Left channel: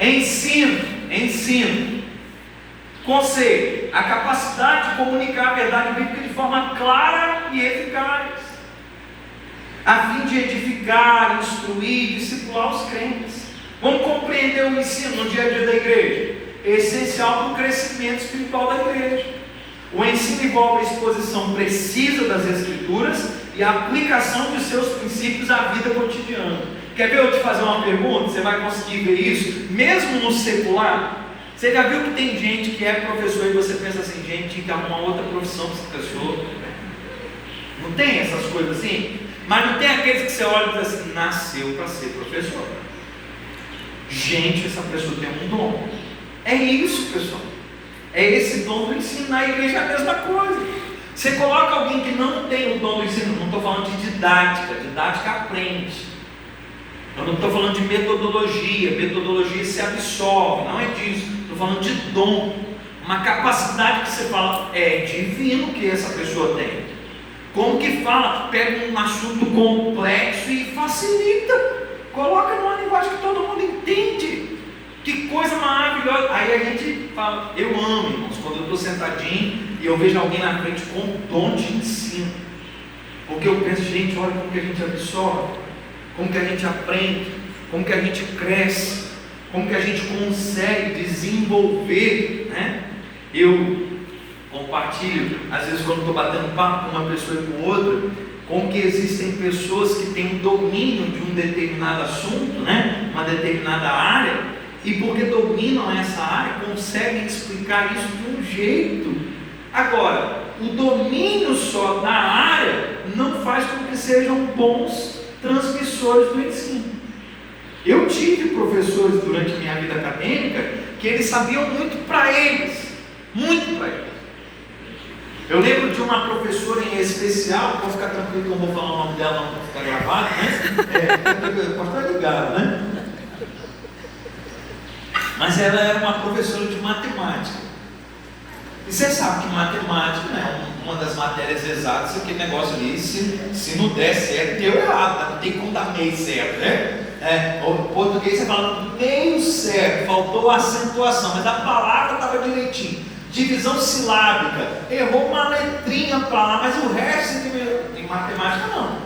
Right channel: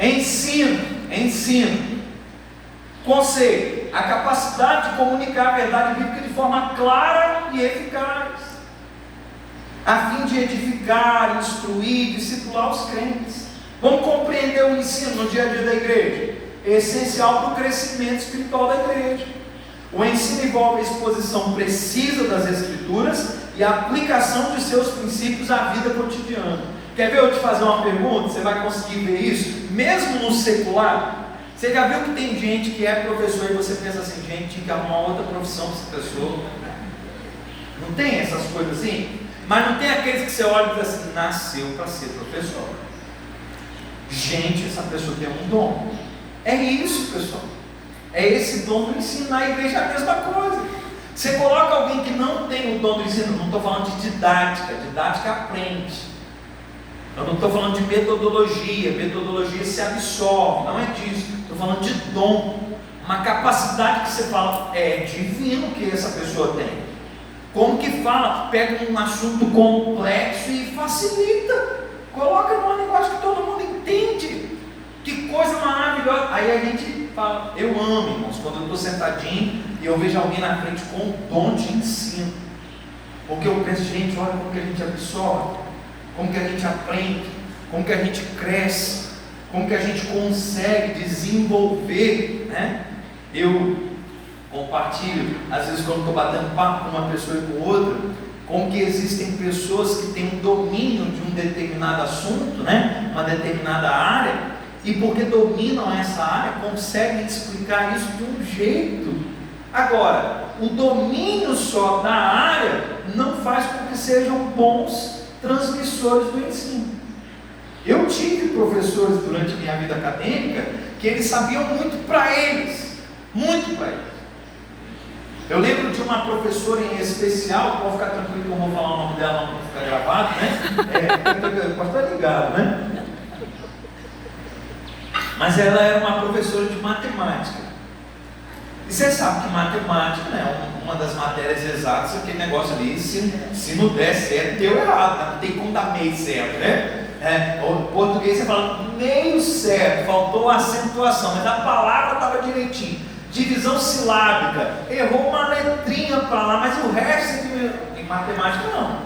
Ensino. Conceito: a capacidade de comunicar a verdade bíblica de forma clara e eficaz, a fim de edificar, instruir, discipular os crentes. Vamos compreender o ensino no dia a dia da igreja. É essencial para o crescimento espiritual da igreja. O ensino envolve a exposição precisa das Escrituras e a aplicação de seus princípios à vida cotidiana. Quer ver eu te fazer uma pergunta? Você vai conseguir ver isso? Mesmo no secular, você já viu que tem gente que é professor e você pensa assim, gente, tinha que arrumar outra profissão para essa pessoa? Não tem essas coisas assim? Mas não tem aqueles que você olha e diz assim, nasceu para ser professor. Gente, essa pessoa tem um dom. É isso, pessoal. É esse dom do ensino. Na igreja é a mesma coisa. Você coloca alguém que não tem o dom do ensino, não estou falando de didática aprende. Eu não estou falando de metodologia se absorve, não é disso. Estou falando de dom, uma capacidade que você fala, é divino que essa pessoa tem. Como que fala? Pega um assunto complexo e facilita, coloca numa linguagem que todo mundo entende. Que coisa maravilhosa. Aí a gente fala, eu amo, irmãos, quando eu estou sentadinho e eu vejo alguém na frente com um dom de ensino, porque eu penso, gente, olha como que a gente absorve, como que a gente aprende, como que a gente cresce, como que a gente consegue desenvolver, né? Eu compartilho, às vezes quando estou batendo papo com uma pessoa e com outra, como que existem pessoas que têm um domínio de um determinado assunto, né? Uma determinada área, e porque dominam essa área, conseguem explicar isso de um jeito. Agora, o domínio só da área não faz com que sejam bons transmissores do ensino. Eu tive professores durante minha vida acadêmica que eles sabiam muito para eles. Eu lembro de uma professora em especial, pode ficar tranquilo que eu vou falar o nome dela, não vai ficar gravado, né? Pode ficar ligado, né? Mas ela era uma professora de matemática. E você sabe que matemática é uma das matérias exatas, aquele negócio ali, se não der certo, deu errado, né? Não tem como dar meio certo, né? O português você fala meio certo, faltou a acentuação, mas a palavra estava direitinho. Divisão silábica, errou uma letrinha para lá, mas o resto em matemática não.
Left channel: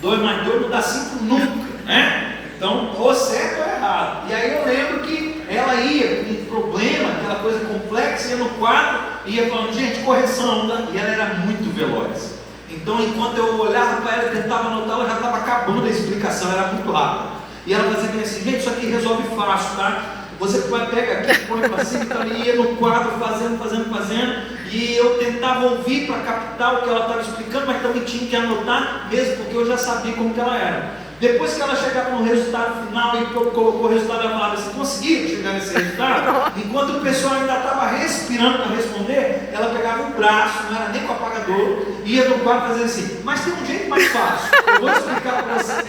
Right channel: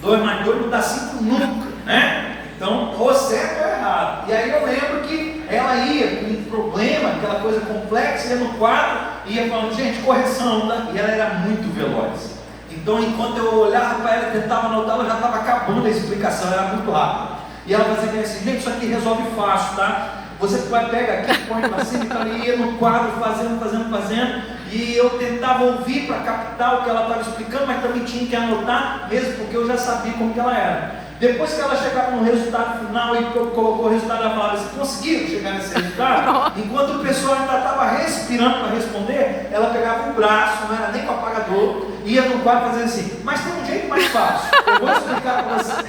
2 mais 2 não dá 5 nunca, né? Então, ou certo ou errado. E aí eu lembro que ela ia com um problema, aquela coisa complexa, ia no quadro, ia falando, gente, correção, né? E ela era muito veloz. Então, enquanto eu olhava para ela e tentava anotar, ela já estava acabando a explicação, era muito rápida. E ela fazia assim, gente, isso aqui resolve fácil, tá? Você vai pegar aqui, põe para cima, então ela ia no quadro fazendo, e eu tentava ouvir para captar o que ela estava explicando, mas também tinha que anotar, mesmo porque eu já sabia como que ela era. Depois que ela chegava no resultado final e colocou o resultado, ela falava, você conseguiu chegar nesse resultado? Enquanto o pessoal ainda estava respirando para responder, ela pegava o braço, não era nem com o apagador, ia no quadro fazendo assim, mas tem um jeito mais fácil, eu vou explicar para você.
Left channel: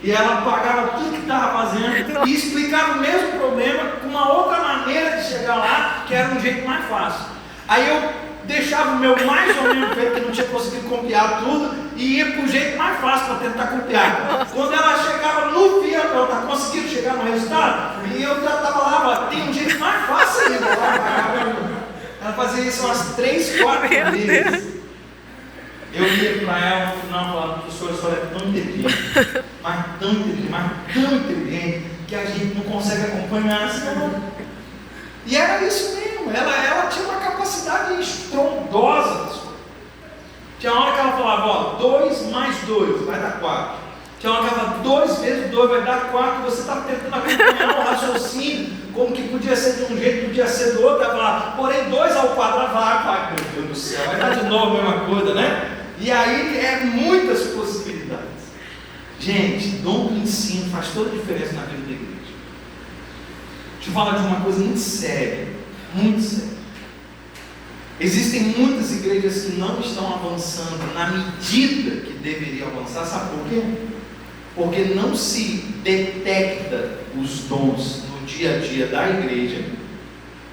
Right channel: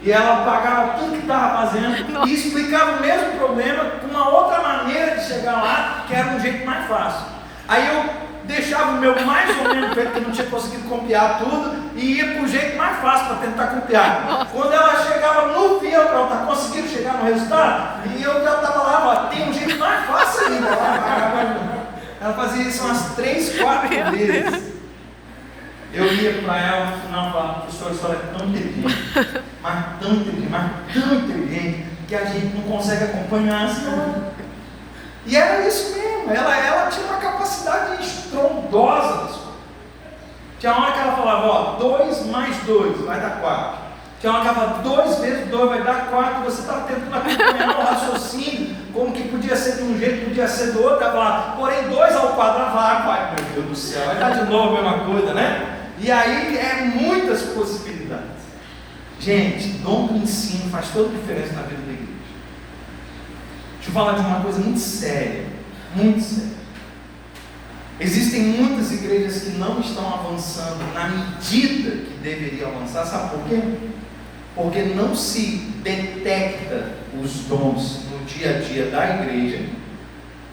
E ela apagava tudo que estava fazendo e explicava o mesmo problema com uma outra maneira de chegar lá, que era um jeito mais fácil. Aí eu deixava o meu mais ou menos feito, que não tinha conseguido copiar tudo, e ia para o jeito mais fácil para tentar copiar. Quando ela chegava no fim, ela estava conseguindo chegar no resultado, e eu já estava lá, tem um jeito mais fácil ainda. Ela fazia isso umas 3, 4 vezes. Eu ia para ela no final e falava, professora, a senhora é tão inteligente, mas tão inteligente, que a gente não consegue acompanhar a senhora. E era isso mesmo, ela tinha uma capacidade estrondosa das coisas. Tinha uma hora que ela falava, ó, 2 mais 2 vai dar 4. Tinha uma hora que ela falava, 2 vezes 2 vai dar 4, você estava tentando acompanhar o raciocínio, como que podia ser de um jeito, podia ser do outro, ela falava, porém 2 ao quadrado, vai, meu Deus do céu, vai dar de novo a mesma coisa, né? E aí é muitas possibilidades. Gente, dom do ensino faz toda a diferença na vida da igreja. Deixa eu falar de uma coisa muito séria, muito séria. Existem muitas igrejas que não estão avançando na medida que deveriam avançar, sabe por quê? Porque não se detecta os dons no dia a dia da igreja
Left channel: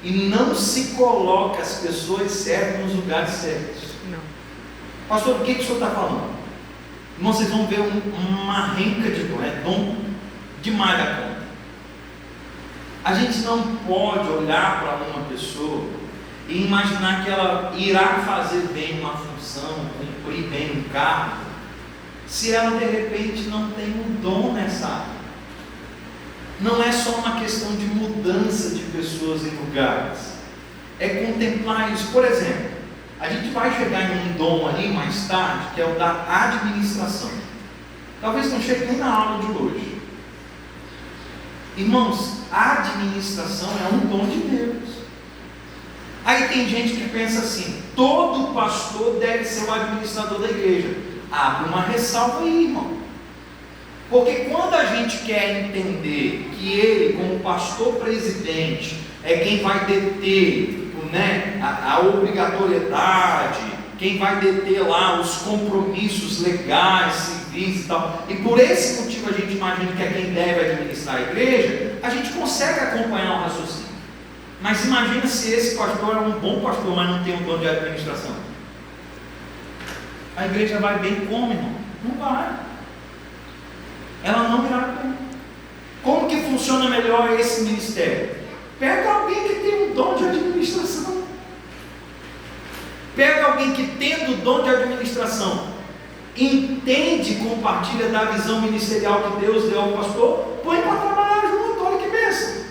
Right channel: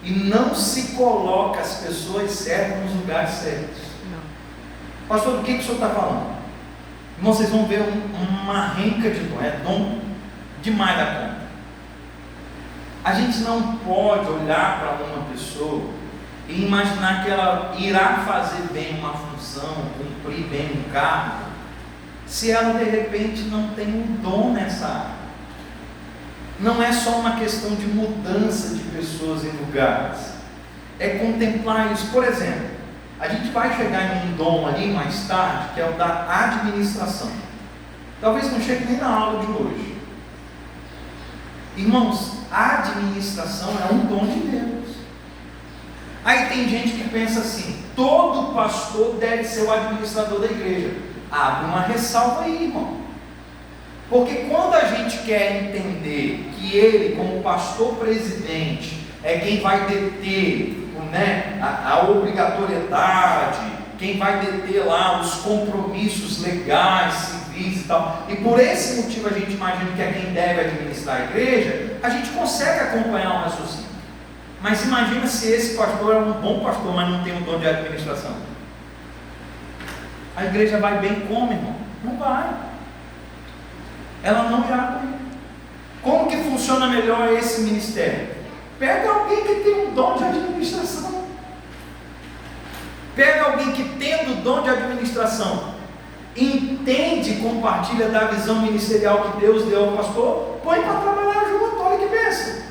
e não se coloca as pessoas certas nos lugares certos. Pastor, o que o senhor está falando? Irmão, vocês vão ver uma renca de dom, é dom demais da conta. A gente não pode olhar para uma pessoa e imaginar que ela irá fazer bem uma função, cumprir bem um cargo, se ela de repente não tem um dom nessa área. Não é só uma questão de mudança de pessoas em lugares, é contemplar isso. Por exemplo, a gente vai chegar em um dom ali mais tarde, que é o da administração. Talvez não chegue nem na aula de hoje. Irmãos, a administração é um dom de Deus. Aí tem gente que pensa assim: todo pastor deve ser o administrador da igreja. Abre uma ressalva aí, irmão. Porque quando a gente quer entender que ele, como pastor presidente, é quem vai deter, né, a obrigatoriedade, quem vai deter lá os compromissos legais, civis e tal, e por esse motivo a gente imagina que é quem deve administrar a igreja, a gente consegue acompanhar o raciocínio. Mas imagina se esse pastor é um bom pastor, mas não tem um dom de administração. A igreja vai bem como, irmão? Não vai. Ela não irá bem. Como que funciona melhor esse ministério? Pega alguém que tem um dom de administração. Pega alguém que, tendo o dom de administração, entende e compartilha da visão ministerial que Deus deu ao pastor, põe para trabalhar junto. Olha que bênção.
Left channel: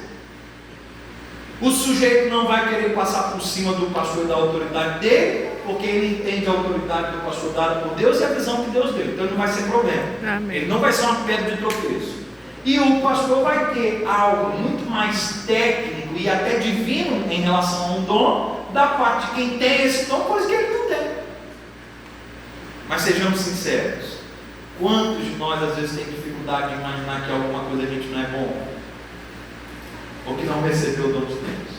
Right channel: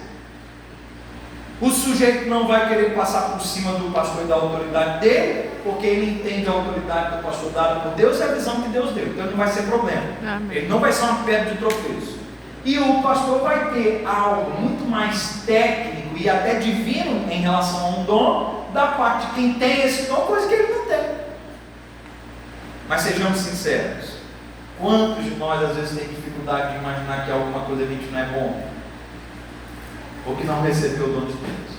O sujeito não vai querer passar por cima do pastor e da autoridade dele, porque ele entende a autoridade do pastor dada por Deus e a visão que Deus deu. Então não vai ser problema. Amém. Ele não vai ser uma pedra de tropeço. E o pastor vai ter algo muito mais técnico e até divino em relação a um dom, da parte de quem tem esse dom, coisa que ele não tem. Mas sejamos sinceros, quantos de nós às vezes tem dificuldade de imaginar que alguma coisa a gente não é bom? Ou que não recebeu o dom de Deus?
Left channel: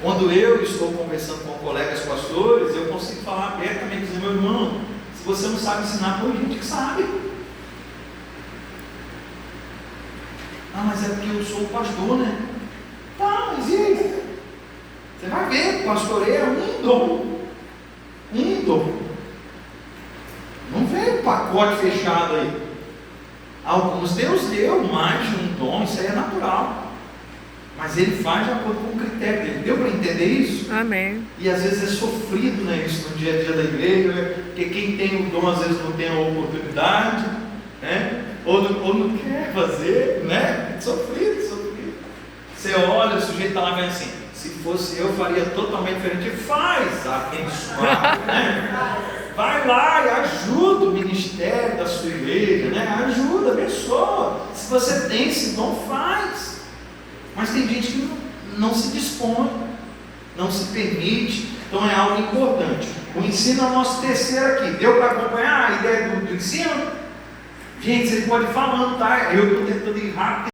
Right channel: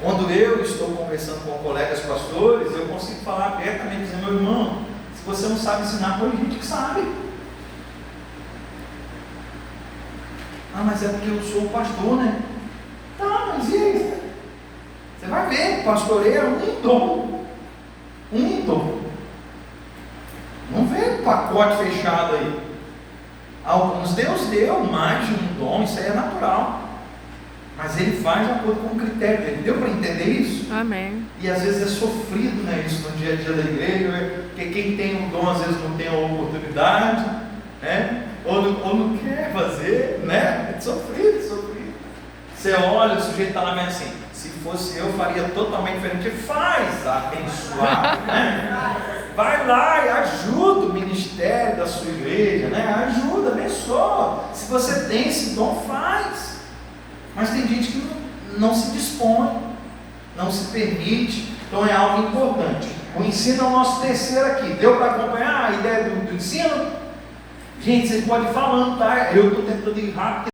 Quando eu estou conversando com colegas pastores, eu consigo falar abertamente, dizendo: meu irmão, se você não sabe ensinar, põe gente que sabe. Ah, mas é porque eu sou o pastor, né? Tá, mas e aí? Você vai ver, pastoreio é um dom. Um dom. Não vem pacote fechado aí. Alguns Deus deu mais de um dom, isso aí é natural. Mas ele faz de acordo com o critério dele. Deu para entender isso? Amém. E às vezes é sofrido, né, isso no dia a dia da igreja, né? Porque quem tem o dom às vezes não tem a oportunidade, né? Ou não quer fazer, né? É sofrido. Você olha, o sujeito está lá vendo assim: se fosse eu, faria totalmente diferente. Faz, abençoado, né? Vai lá e ajuda o ministério da sua igreja, né? Ajuda, abençoa. Se você tem esse dom, faz. Mas tem gente que não se dispõe, não se permite. Então é algo importante. O ensino é o nosso terceiro aqui. Deu para acompanhar a ideia do ensino? Gente, vocês podem ir falando, tá? Eu estou tentando ir rápido.